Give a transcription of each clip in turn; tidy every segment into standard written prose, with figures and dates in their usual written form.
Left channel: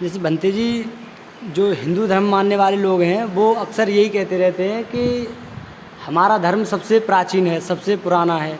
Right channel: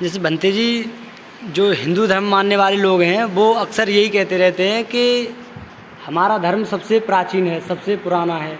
जैसे भंते जी, जो हिंदू धर्म मानने वाले लोग हैं वो अक्सर यही कहते रहते हैं कि हमारा धर्म सबसे प्राचीन है, सबसे पुराना है,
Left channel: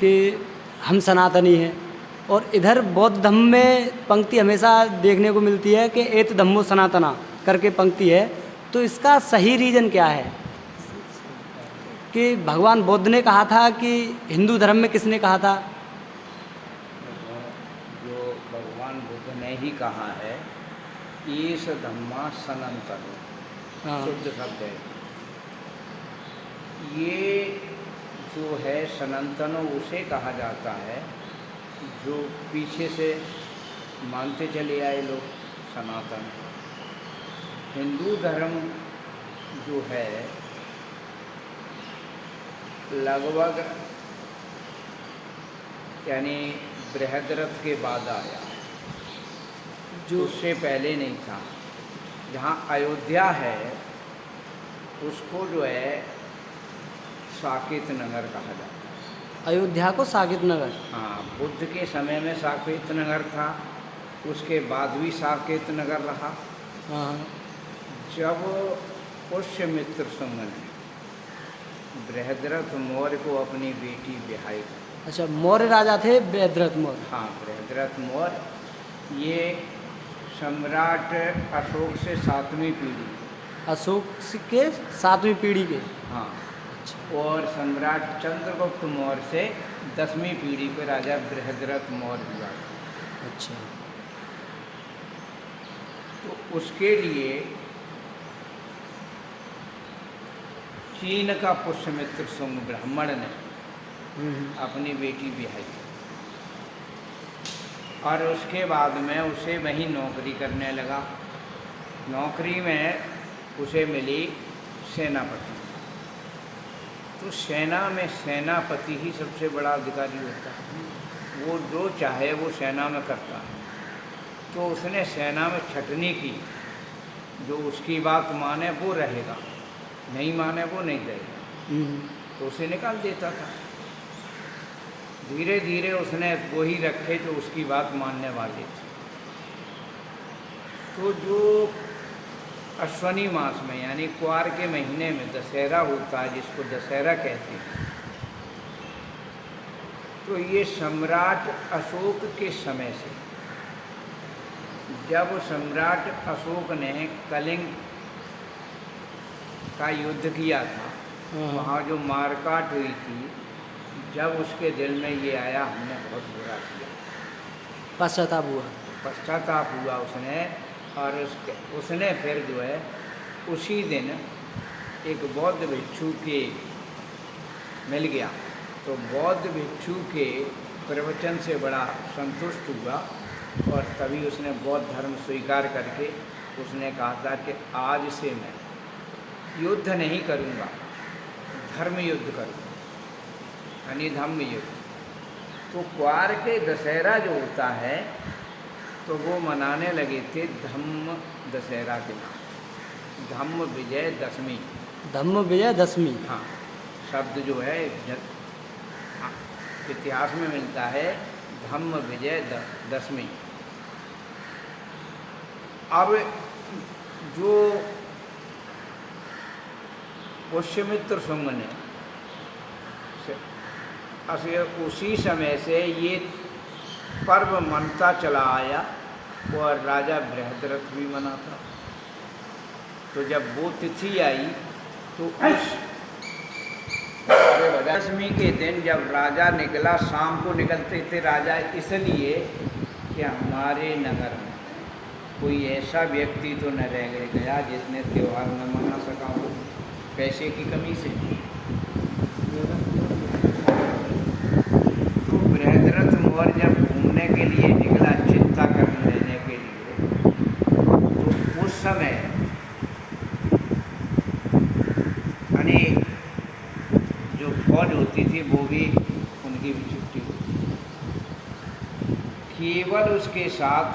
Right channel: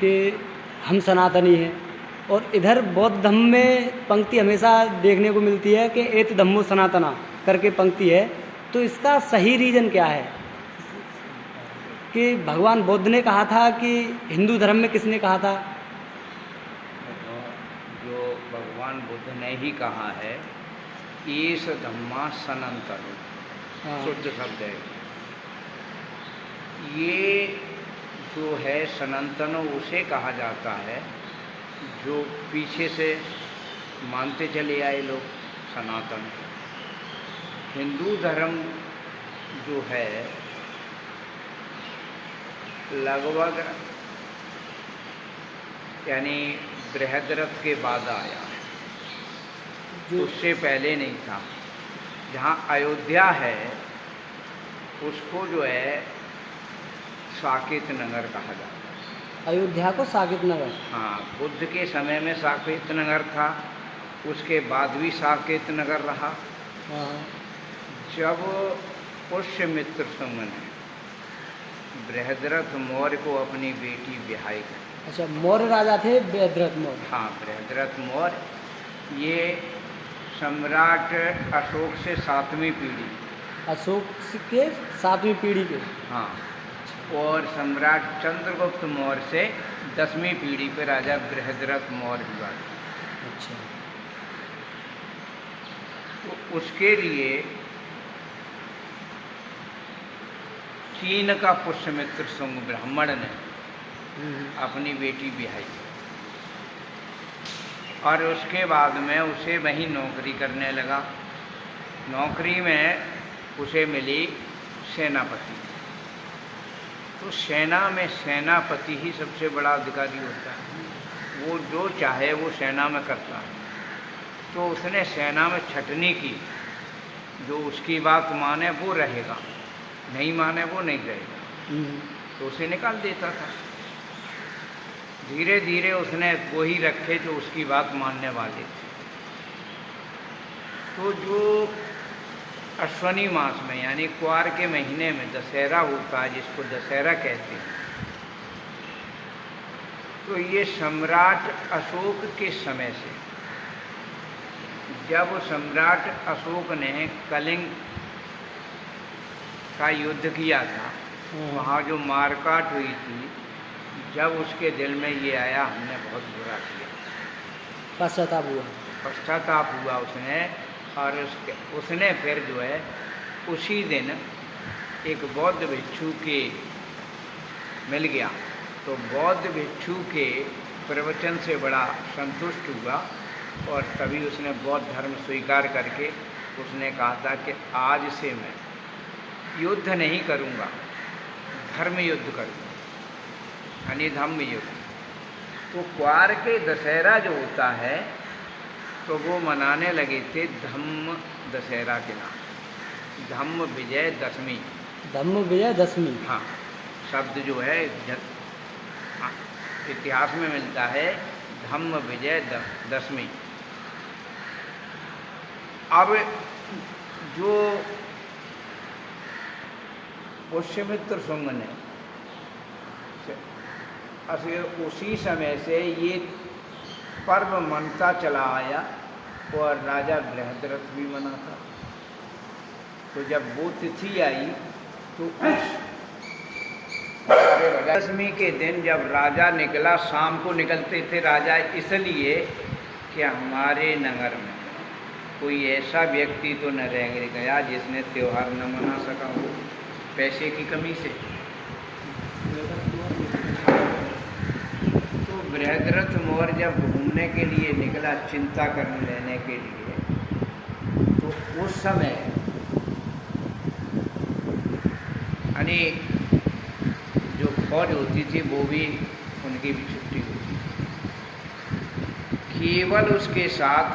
कि हम सनातनी हैं। और इधर बौद्ध धर्म में पंक्ति हमेशा देखने को मिलती है कि एत धम्मो सनातना करके पंक्ति है। तो इसका सही रीज़न क्या है कि भगवान बुद्ध ने कहा था कि हिंदू धर्म में किसने कहा था? जो भगवान बुद्ध ने ही कहा है, ईश धम्मा सनातनो, हाँ। शुद्ध शब्द है। ये जो है सनातनो उसे कहा जाता है जो पीछे से मानते चले आए लोग सनातन। हिंदू धर्म जो है लगभग यानी बृहद्रथ के बाद आया है, जो उससे पहले नहीं था। जहाँ अयोध्या है उसको जो है साकेत नगर कहा जाता है। अयोध्या को साकेत नगर? हाँ, बुद्ध के समय में साकेत नगर था, उसके बाद भी साकेत नगर रहा। हाँ। जब पुष्यमित्र संग ने बृहद्रथ मौर्य को अपनी बेटी ब्याह कर। अच्छा, मौर्य राजा थे बृहद्रथ मौर्य? हाँ, बृहद्रथ मौर्य ये सम्राट अशोक से 7वीं पीढ़ी। अशोक के 7वीं पीढ़ी के? हाँ, और सम्राट चंद्रगुप्त मौर्य से 10वीं पीढ़ी पे राजा बृहद्रथ मौर्य हुआ था। अच्छा। तो उसके लिए चीन का पुष्यमित्र सुंग ब्राह्मण ने अपनी बेटी ब्याही और उसके बाद में उसे वहीं नौकरी करने लगा। नौकरी में उसे मिली सेनापति। तो सेना में सेनापति ही सबसे बड़ा अधिकारी होता है, वो जो चाहे वो सेना में करता है। तो उसने सेना में छटनी की, जो उसकी बात माने वो रहेगा, नहीं माने वो नहीं रहेगा, तो उसे निकाल देता था। धीरे धीरे उसने वो ही रखे जो उसकी बात मानने वाले थे। तो जो अश्वनी मास में यानी क्वार के महीने में दशहरा होता है, जिसको दशहरा कहते हैं, तो ये सम्राट अशोक के समय से, जब सम्राट अशोक ने कलिंग का युद्ध किया था, वहाँ जो मारकाट हुई थी, जब उसके दिल में ये आया हमने बहुत बुरा किया, पश्चाताप हुआ उसने। और उसने फिर जो है उसी दिन एक बौद्ध भिक्षु के मिल गया, तो बौद्ध भिक्षु के प्रवचन से बड़ा संतुष्ट हुआ और तभी उसने बौद्ध धर्म स्वीकार करके उसने कहा था कि आज से मैं युद्ध नहीं करूँगा, धर्म युद्ध करूँगा, यानी धम्म युद्ध। तो क्वार के दशहरा जो होता है तो वो मनाने लगे थे धम्म दशहरा के नाम, धम्म विजय दशमी। धम्म विजय दशमी? हाँ, शब्द जो है इतिहास में मिलता है धम्म विजय दशमी। अब जो पुष्यमित्र सुंग ने उसी समय से ये पर्व मनता चला आया और राजा बृहद्रथ भी मनाता। तो जब वो तिथि आई तो उस दशमी के दिन जब राजा निकला, शाम को निकलते थे राजा इसलिए कि हमारे नगर में कोई ऐसा व्यक्ति तो न रह गया जिसने त्यौहार न मना सका हो पैसे की कमी से। तो बृहद्रथ मौर्य जब घूमने के लिए निकला, चिंता करने लेने के लिए, तो उस समय यानी जो फौज होती थी वो भी उनकी भी छुट्टी होती थी। केवल उसके साथ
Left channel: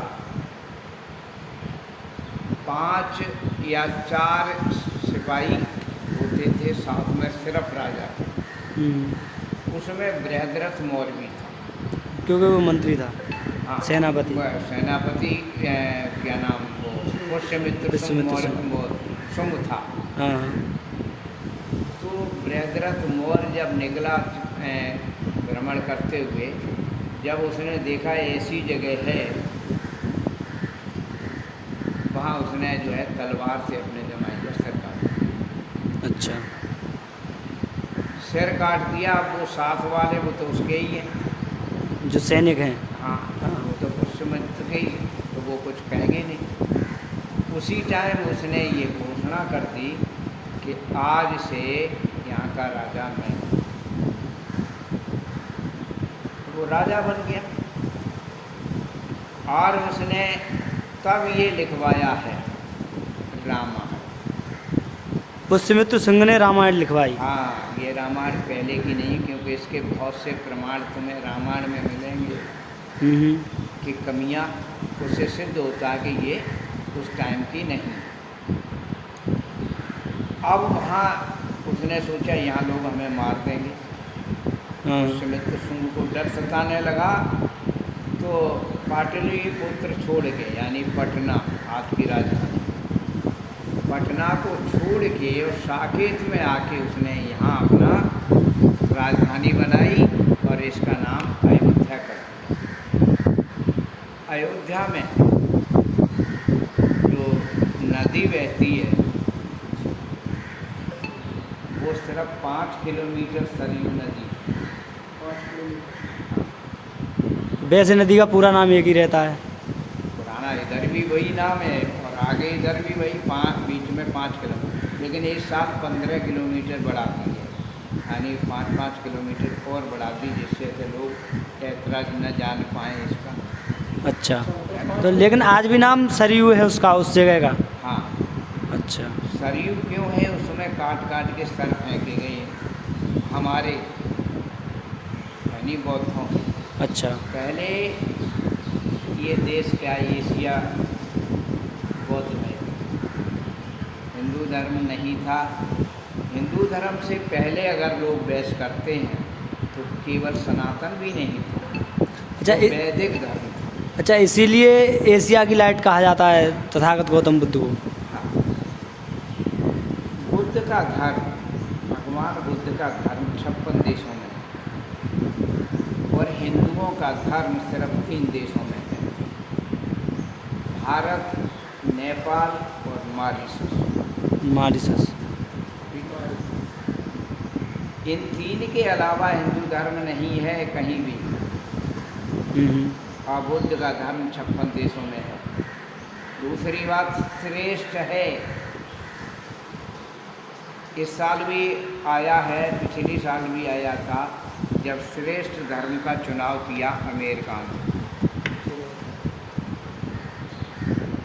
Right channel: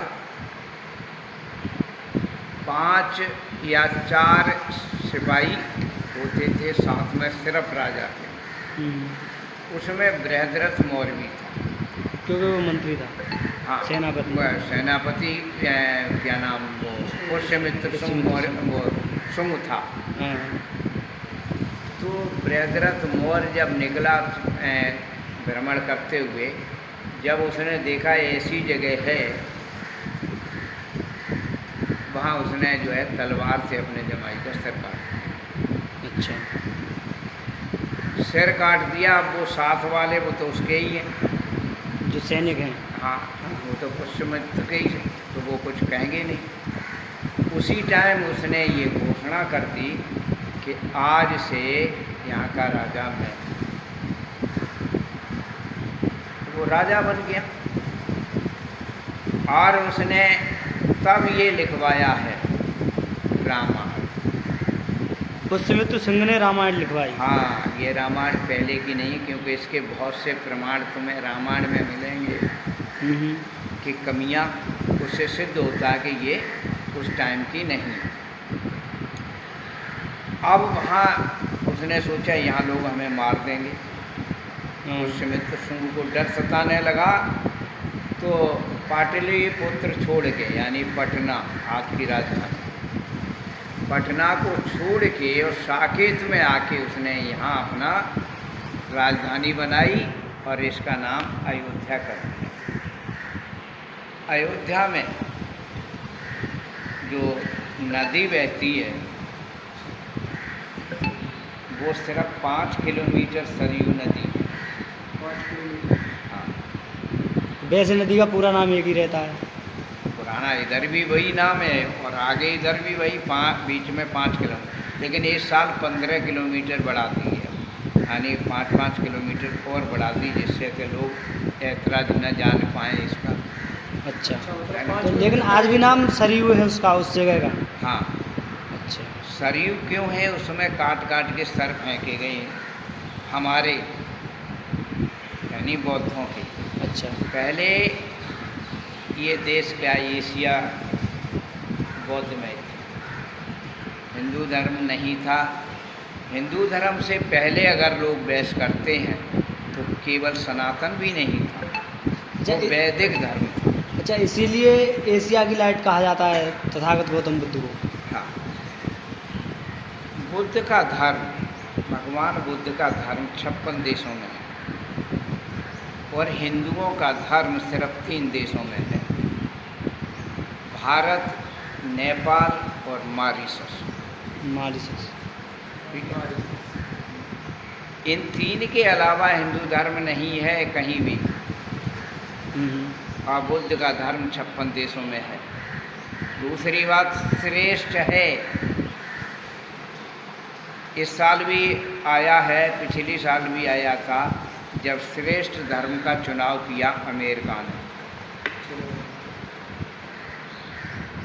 5 या 4 सिपाही होते थे, साथ में सिर्फ राजा थे। उसमें बृहद्रथ मौर्य भी था, क्योंकि वो मंत्री था। हाँ सेनापति। सेनापति क्या नाम वो पुष्यमित्र शुंग मौर्य वो शुंग था। हाँ तो बृहद्रथ मौर्य जब निकला भ्रमण करते हुए, जब उसने देखा ऐसी जगह है, वहाँ उसने जो है तलवार से अपने जमाई का सिर काट दिया। अच्छा। सिर काट दिया। अब वो साथ वाले वो तो उसके ही हैं, जो सैनिक हैं। हाँ वो तो पुष्यमित्र के ही हैं, तो वो कुछ कहेंगे नहीं। उसी टाइम उसने ये घोषणा कर दी कि आज से यहाँ का राजा मैं हूँ। वो राजा बन गया। और उसने तब ये लिखवाया है रामायण। पुष्यमित्र सिंह ने रामायण लिखवाई। हाँ, ये रामायण पहले की नहीं, क्योंकि इसके बहुत से प्रमाण तुम्हें रामायण में मिलेंगे कि कमियाँ, उससे सिद्ध होता है कि ये उस टाइम की नहीं है। अब वहाँ उसने सोचा यहाँ लोग हमें मार देंगे। पुष्यमित्र शुंग को डर सताने लगा, तो पाटलिपुत्र छोड़ के, यानी पटना आज की राजधानी, पटना को छोड़ के और साकेत में आके उसने यहाँ अपना राजधानी बनाई और इसका नाम अयोध्या कर दिया। अयोध्या में जो नदी बहती है वो सिर्फ 5 किलोमीटर सरयू नदी। हाँ, वैसे नदी का पूरा नाम एक ही रहता है। पुराना इधर भी वही नाम है और आगे इधर भी वही, बीच में 5 किलोमीटर, लेकिन इस साल 15 किलोमीटर बढ़ा दी है, यानी 5-5 किलोमीटर और बढ़ा दी, जिससे कि लोग ऐतराज न जान पाएँ इसका। अच्छा, तो लेकिन आज भी नाम सरयू है उसका, उस जगह का। हाँ, अच्छा। सरयू क्यों है? उसमें काट काट के सर फेंके गए हैं हमारे, यानी बौद्धों के। अच्छा। पहले ये देश क्या एशिया बौद्धमय थे, हिंदू धर्म नहीं था। हिंदू धर्म से पहले अगर लोग बहस करते हैं तो केवल सनातन भी नहीं था, अच्छा, वो वैदिक धर्म था। अच्छा, इसीलिए एशिया की लाइट कहा जाता है तथागत गौतम बुद्ध को। हाँ, बुद्ध का धर्म, भगवान बुद्ध का धर्म 56 देशों में है और हिंदुओं का धर्म सिर्फ 3 देशों में है, भारत, नेपाल और मॉरिशस। मॉरिशस। ठीक है, इन 3 के अलावा हिंदू धर्म नहीं है कहीं भी। और बुद्ध का धर्म 56 देशों में है। दूसरी बात, श्रेष्ठ है। इस साल भी आया है, पिछली साल भी आया था, जब श्रेष्ठ धर्म का चुनाव किया अमेरिका ने,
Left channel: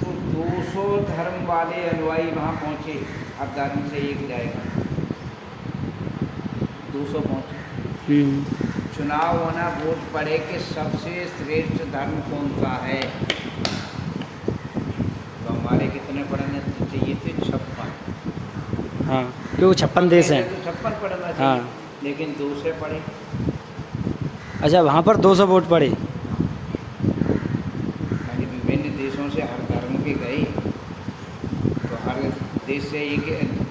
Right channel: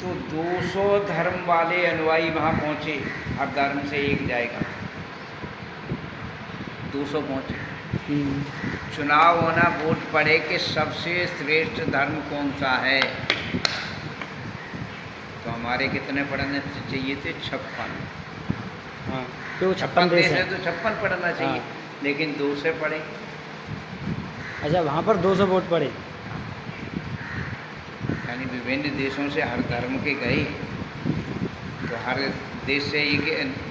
तो 200 धर्म वाले अनुयायी वहाँ पहुँचे। हर धर्म से एक जाएगा, 200 पहुँचे। चुनाव होना, वोट पड़े कि सबसे श्रेष्ठ धर्म कौन सा है। तो हमारे कितने पढ़ने चाहिए थे? 56। हाँ, क्योंकि 56 देश हैं तो 56 पढ़ना चाहिए। हाँ। लेकिन 2 से पढ़े। अच्छा, वहाँ पर 200 वोट पड़े। यानी विभिन्न देशों से हर धर्म के गए, तो हर देश से एक,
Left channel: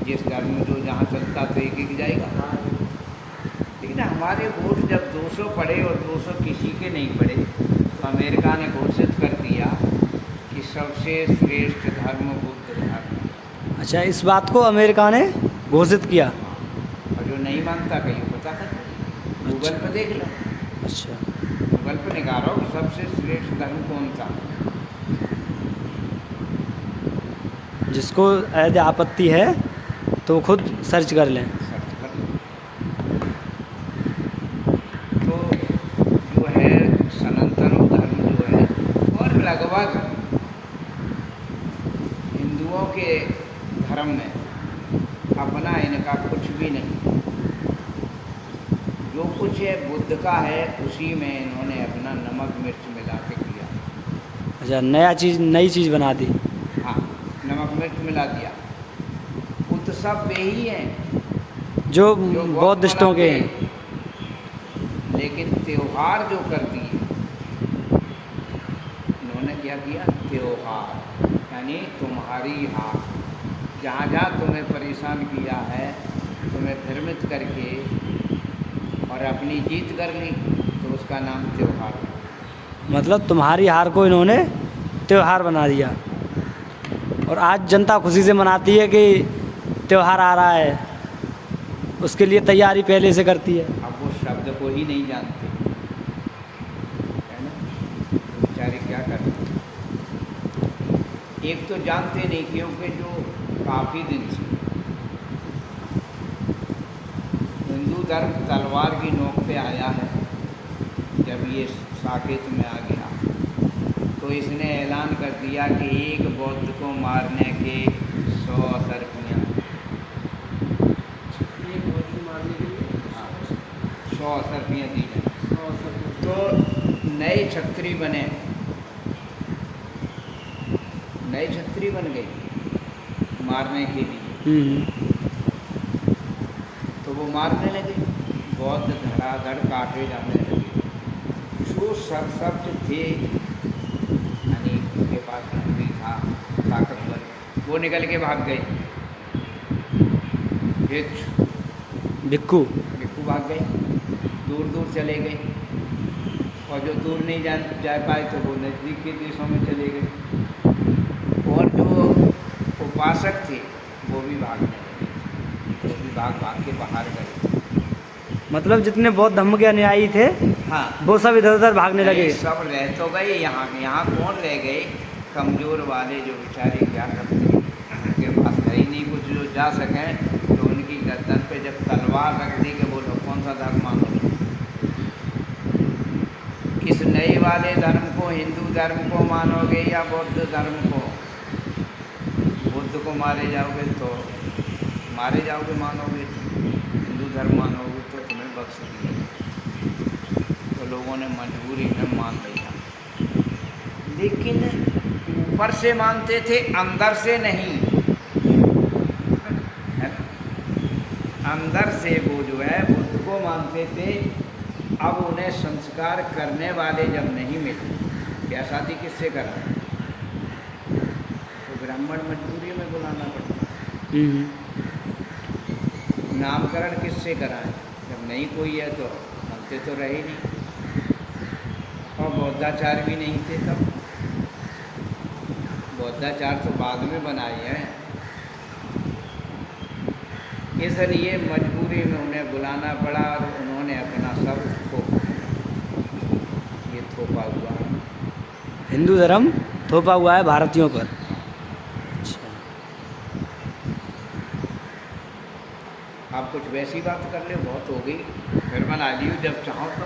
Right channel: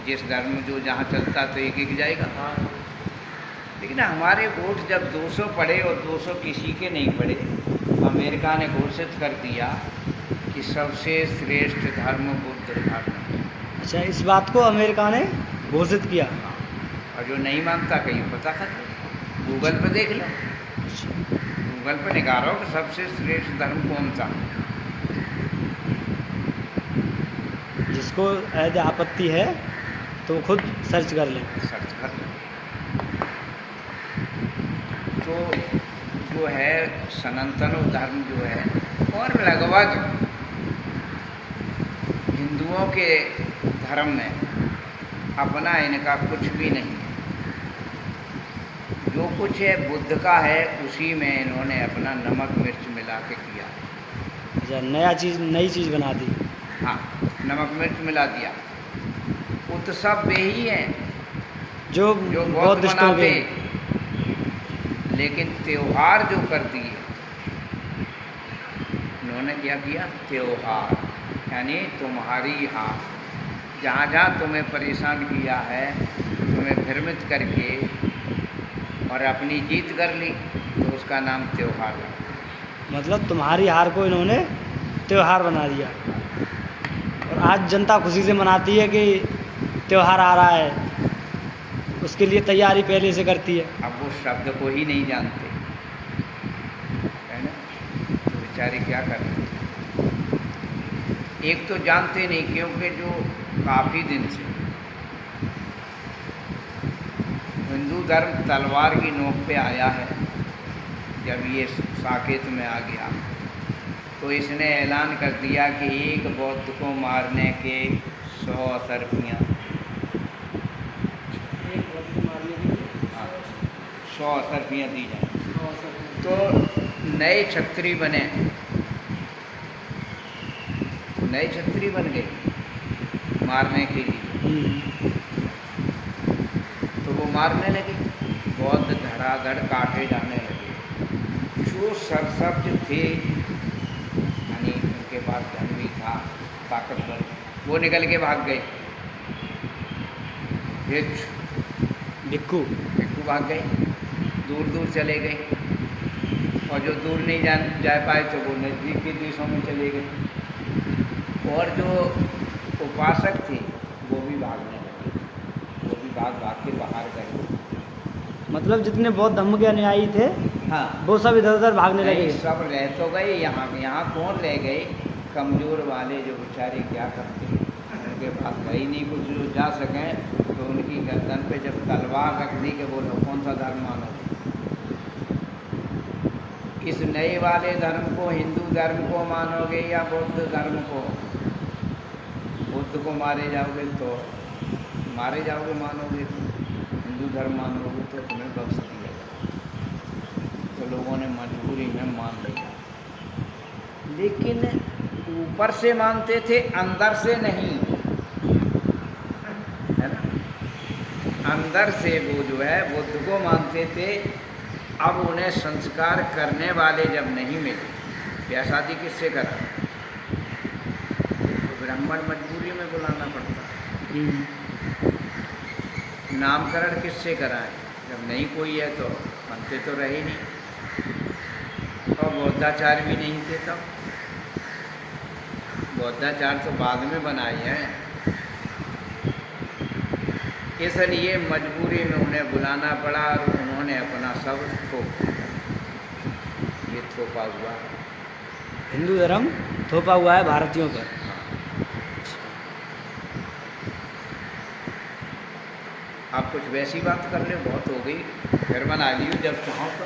जिस धर्म में जो जहाँ चलता तो एक एक जाएगा। लेकिन हमारे वोट जब 200 पड़े और 200 किसी के नहीं पड़े, तो अमेरिका ने घोषित कर दिया कि सबसे श्रेष्ठ धर्म बुद्ध धर्म है। अच्छा, इस बात को अमेरिका ने घोषित किया। हाँ, और जो नहीं मानता कहीं पता कर गूगल पे देख लो। अच्छा, गूगल पे निकालो कि सबसे श्रेष्ठ धर्म कौन सा। जिसको यदि आपत्ति है तो खुद सर्च कर लें। सर्च कर लो। तो जो है सनातन धर्म जो है, और लगभग हिंदुओं के धर्म में अपना इनका कुछ भी नहीं है। जो कुछ है बुद्ध का है, उसी में इन्होंने अपना नमक मिर्च मिला के किया। अच्छा, नई चीज़ बना दी। हाँ, नमक मिर्च मिला दिया। उत्सव वे ही हैं जो जो बहुत बौद्धिस्टों मनाते के हैं, लेकिन त्योहार जो कर दिए उन्होंने क्या किया, त्योहार, यानी तुम्हारी हार, जहाँ जहाँ तुम्हें परेशान किया है, तुम्हें भ्रमित करके और अपनी जीत कर ली, तो उसका नाम त्योहार है। मतलब तुम्हारी हार को इन्होंने त्योहार बना दिया। और आज जनता खुशी से मनाती है कि त्योहार आ रहा है, उसके लिए तैयारी पहले से करती है। अब वो शब्द को ही नहीं जानते, है ना, तो बेचारे क्या कर रहे हैं। एक तो जानते नहीं, क्योंकि जो काफ़ी दिन से हिंदू धर्म तलवार की नोक पे आया है, जब ये साकेत में आ गया तो इसने ऐलान कर दिया कि एक बौद्ध को मारने के 100 असरफियाँ, 100 असरफियाँ दी जाए। तो नए छत्री बने, नए छत्री बन गए मारने के लिए। तो वो मारने लगे, बौद्ध धड़ाधड़ काटे जाने लगे। जो सरसब्ज थे, यानी उनके पास धन भी था, ताकतवर, वो निकल के भाग गए। भिक्खू भिक्खू भाग गए, दूर दूर चले गए, और जो दूर नहीं जा पाए तो वो नज़दीक के देशों में चले गए। और जो उपासक थे वो भी भागने लगे, वो भी भाग के बाहर गए। मतलब जितने बौद्ध धर्म के अनुयायी थे, हाँ, वो सब इधर उधर भागने लगे। सब रह तो गए, यहाँ कौन रह गए, कमज़ोर वाले जो बेचारे क्या करते, उनके पास है ही नहीं कुछ जो जा सकें, तो उनकी गर्दन पे जब तलवार रख दी कि बोलो कौन सा धर्म मानोगे। इस नए वाले धर्म को, हिंदू धर्म को मानोगे या बौद्ध धर्म को। बुद्ध को मारे जाओगे तो मारे जाओगे, मानोगे हिंदू धर्म मानोगे तो तुम्हें बख्श दिया जाए। तो लोगों ने मजबूरी में मान लिया, लेकिन ऊपर से मानते थे, अंदर से नहीं, है ना। अंदर से वो जो है बुद्ध को मानते थे। अब उन्हें संस्कार करने वाले जब नहीं मिले, ब्याह शादी किससे करा, तो ब्राह्मण मजबूरी में बुलाना पड़ता है। नामकरण किससे कराएं, जब नहीं कोई है तो बनते तो रहे नहीं। और बौद्धाचार भी नहीं थे तब, बौद्धाचार तो बाद में बनाए हैं। इसलिए मजबूरी में उन्हें बुलाना पड़ा, और उन्होंने अपना सब थोप दिया। ये थोपा हुआ है, हिंदू धर्म थोपा हुआ है भारतीयों पर। आप कुछ वैसी बात कर ले, बहुत हो गई, फिर बना लियो जब चाहो तो।